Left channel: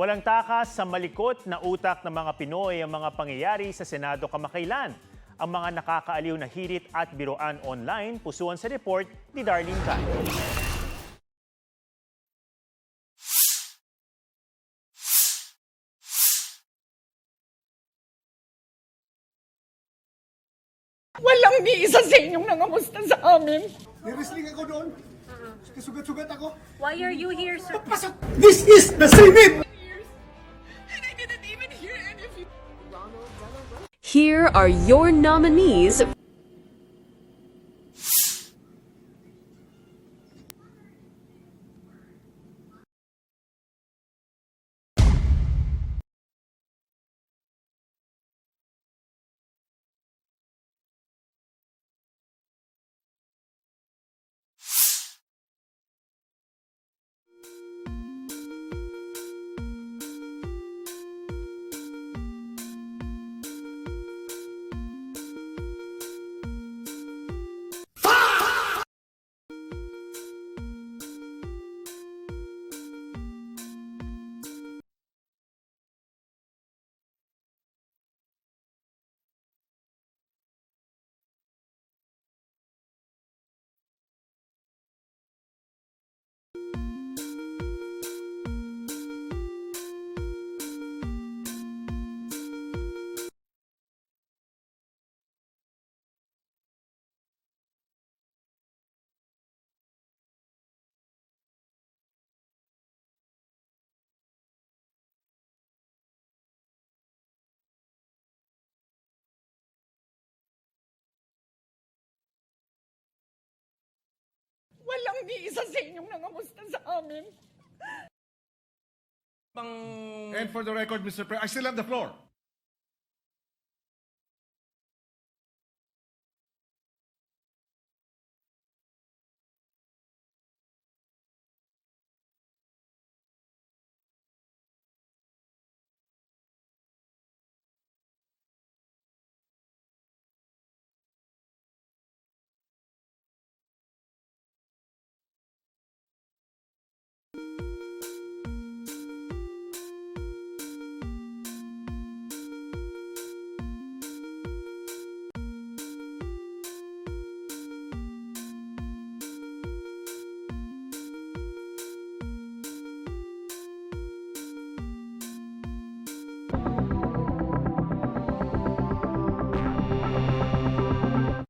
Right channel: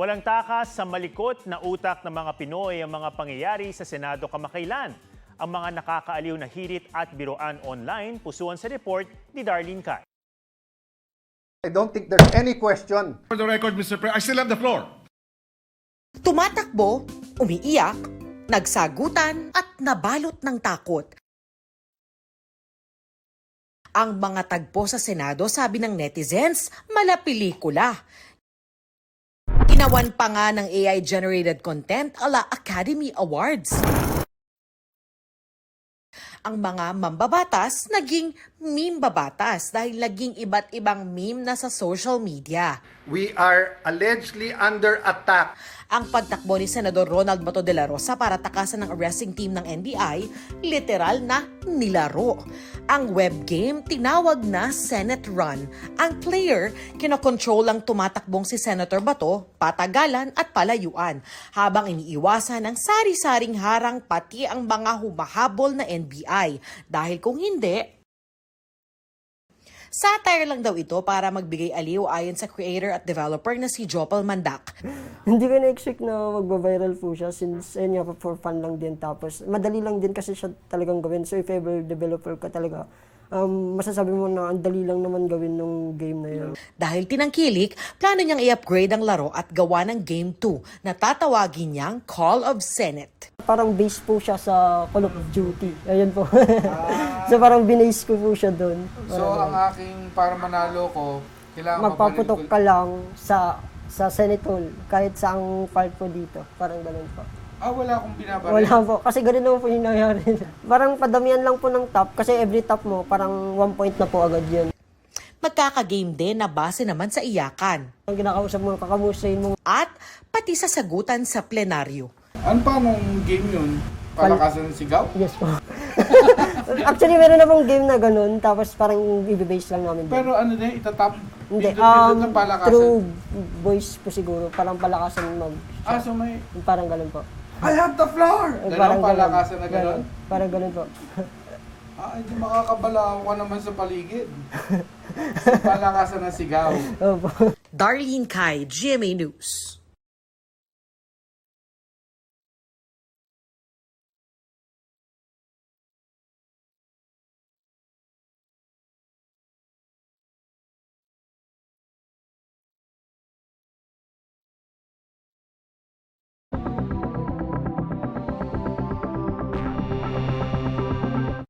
Walang takas sa malikot na utak ng mga Pinoy ang mga pangyayari sa Senado kamakailan. Ang mga nakakaaliw na hirit at biroan online, pusuan sa report ni Darlene Can. I don't think there's any question. For the record, Mr. President, I still have the floor. Tumatakbo, umiiyak, nagsagutan at nabalot ng takot. Walang ni isa sa inyong nangamusta sa amin. Ang mga tagpo sa Senado, sabi ng netizens, malapelikula. This is the Senate! Ginawan pa nga ng AI-generated content ala Academy Awards. Here are your nominees. Ang mga mambabatas naging meme-babatas dahil naging iba't ibang meme na sa social media. We are allegedly under attack. Ang pagtakbo ni Senador Ronald Bato de la Rosa para takasan ng arresting team ng NBI, literal na nilaro. Ang web game tinawag na Senate Run. Ang player, kinokontrol ang tumatakbong si Senator Bato, patagalan at palayuan, habang iniiwasan ng sari-saring harang pati ang mga humahabol na NBI. Dahil kung hindi, satire lang daw ito para magbigay aliw ayon sa creator at developer na si Jopel Mandak. Hindi ko na-expect na magba-viral po siya since ayun nga, for fun lang din. Tapos madali lang din kasi siya talagang gawin. So if ever developer ka talaga, masasabi mo na ang dali lang naman gawin ng game na yun. Dahil tinangkilik, plano niyang i-upgrade ang laro at gawa ng Game 2 na tatawagin niyang Call of Senate. Parang base po siya sa Call of Duty. Ayun po. So parang binase ko po siya doon. So, ang aking para manalo ko, kailangan Magpaputok ka lang sa Senate Hall, kahit saang part po dito. Parang ganun po. wala akong binabaril. Wala po. Kasi ganun naman po yung nangyari. Parang padamihan lang po ng top. Kasi every top mo, parang 1 point na po agad yun. Magkaka-game din na base naman sa iyakan. Ang kinakausap mo, kakamustahin mo. At pati sa sagutan sa plenaryo. Ano pa nung game yun? Palakasan ng sigaw? Yes po. Actually, meron na pong game na ganun. Tapos parang i-base lang namin. Pero ano din, itatap? Hindi. Pindot ng palakasan? Through voice po siguro. Parang palakasan mag... So may, Parang ganun po. I have the floor! Ganun palakasan na ganun? Parang ganun po. Hindi makakabalaw ka naman sa paligid. Palakasan ng sigaw. Opo. Darlene Kai, GMA News.